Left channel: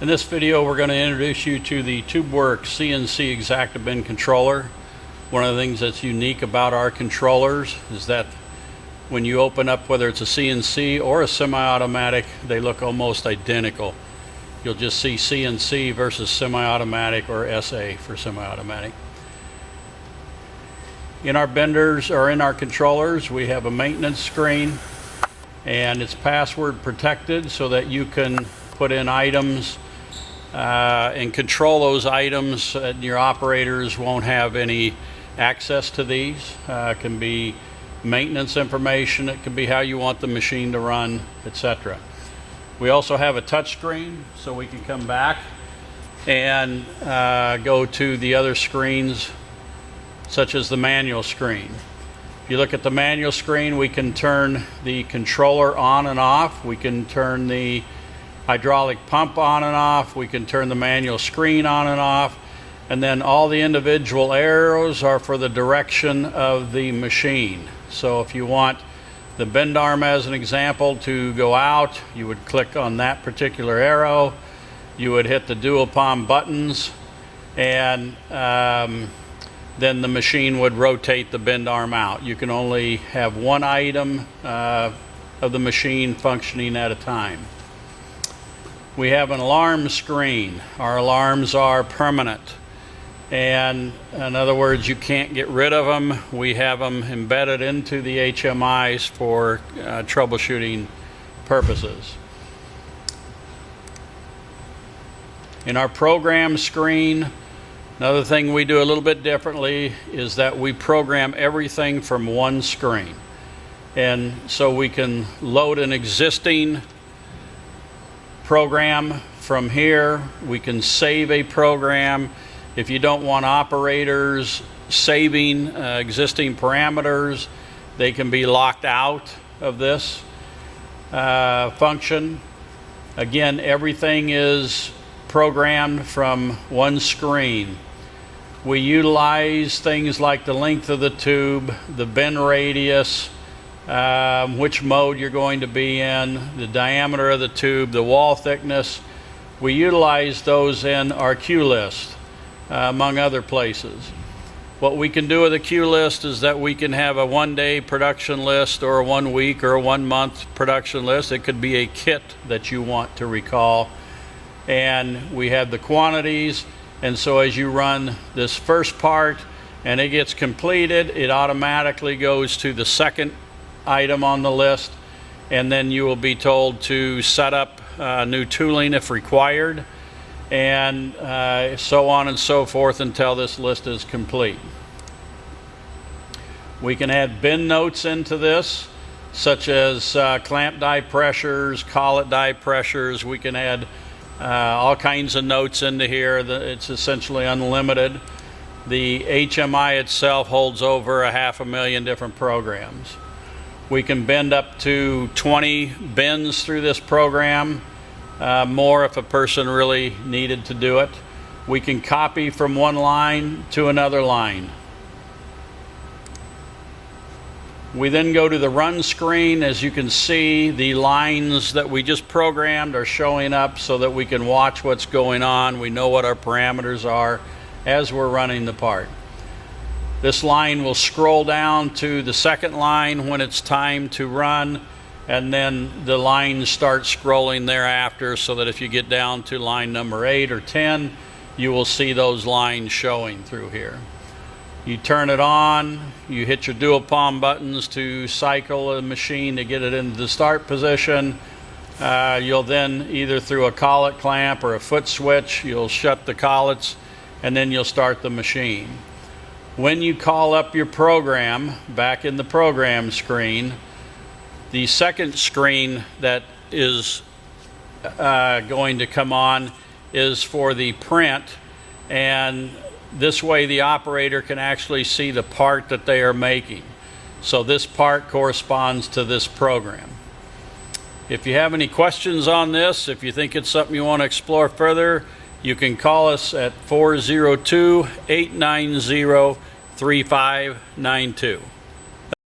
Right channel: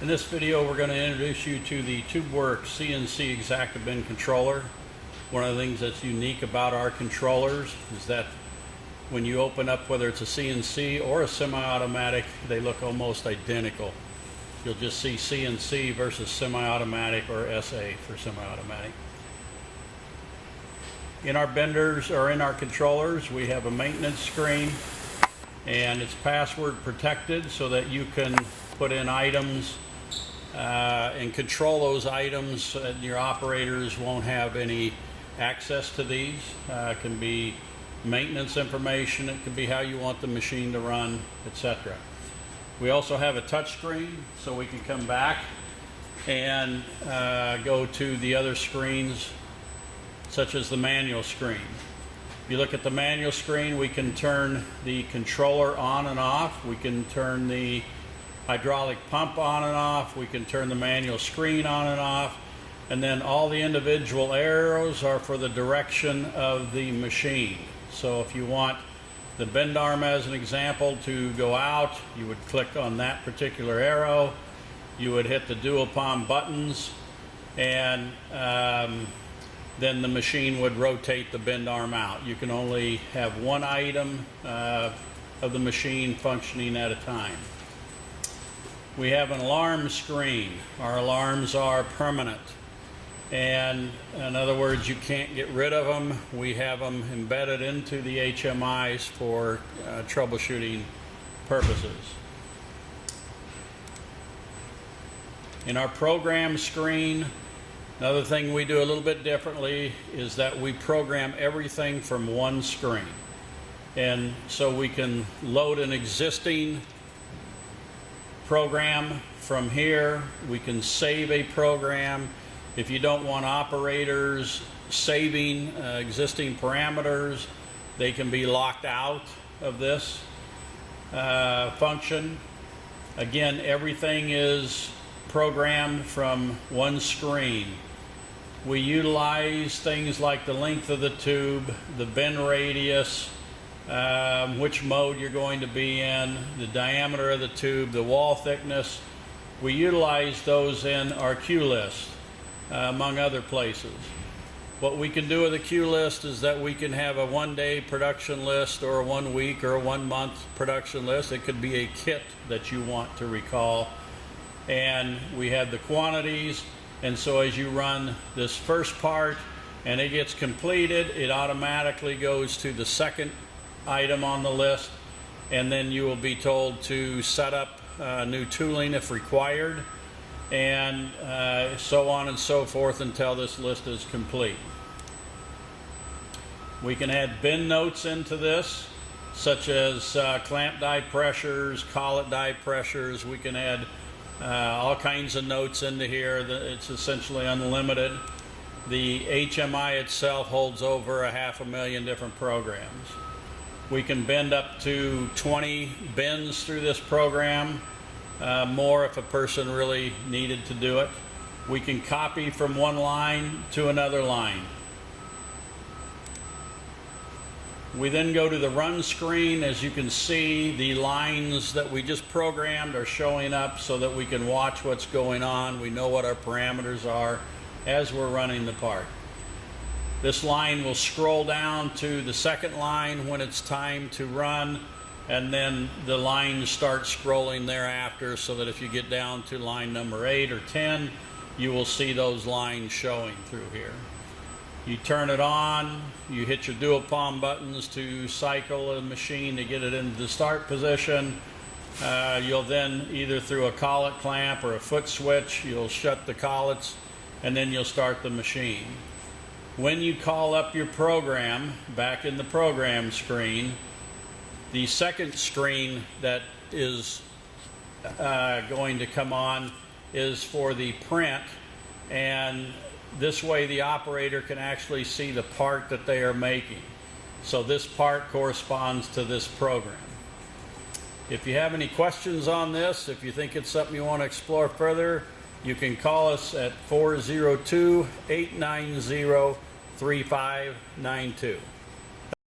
In this video, we're going to introduce you to the TubeWorks CNC EXACTA bin controller. One of the things that's unique about our controllers is that when you open up, whether it's a CNC or a semi-automatic, they look almost identical. You'll just see CNC versus semi-automatic or SA for semi-automatic. In our benders or in our controllers, we have a maintenance screen, and it's password protected so that you can put in items and control those items, and your operators won't have any access to these. It can be maintenance information, it can be how you want the machine to run, etc. We also have a touch screen, so we can come back and go to the other screens, such as the manual screen. If you look at the manual screen, we can turn the controller on and off. We can turn the hydraulic pump on and off. We can turn the manual screen on and off. And then all the individual arrows are for the direction of the machine. So if you want the bend arm, as an example, to go out, you would click on that particular arrow. You would hit the dual palm buttons, and then the machine would rotate the bend arm out. You can only have one item of the machine functioning at a time. We have an alarm screen. Our alarms are permanent, and in other words, you can't get rid of them. We have them embedded into the HMIs for troubleshooting purposes. In our program screen, another thing we do a little bit differently is that we program everything from one screen. And so we can load an existing program from here. We can save a program. If you don't want operators saving existing parameters, they can be locked out of this function. Again, everything is programmed from one screen. We utilize things like the length of the tube, the bend radius, which mode you're going to be in, the diameter of the tube, the wall thickness. We utilize those in our queue list, among other places. What we can do with a queue list is that we can have a one-day production list or a 1 week or a 1 month production list. It could be a kit that you want to recall. And we have the quantities, and so as you run this first part and it gets completed, it automatically goes to the second item on the list, and then you will be told to set up new tooling if required, and so on and so forth until this list is complete. We can add bin notes into this, such as clamp die pressures, collet die pressures. We can add all kinds of notes into here. It's essentially unlimited. The HMI itself holds over 500,000 different programs. We can bend up to 20 bends through this program, more if a person really needed to do it. We can copy from one line to another line. We then go to the run screen. As you can see, the lines that we just programmed are showing up so that we can watch what's going on. We know what our parameters are as we're running the part. This line will scroll down to the second line when it's time to run, and then the lines start scrolling thereafter, so that if you get down to line number 8 or 10, you will see those lines showing through here. You turn it on, you hit your dual palm buttons to cycle the machine to get it into the start position. You'll then, either through a collet clamp or a foot switch, you'll shut the collets, and then you'll start the machine. When you call up your program, back in the program screen, the second screen that is going to come on is for the print, and this way the operator can actually see the part that they are making. So this part corresponds to this program. If you have any questions on this, if you think it's something you want to explore further, you can call us at 402-890-3592.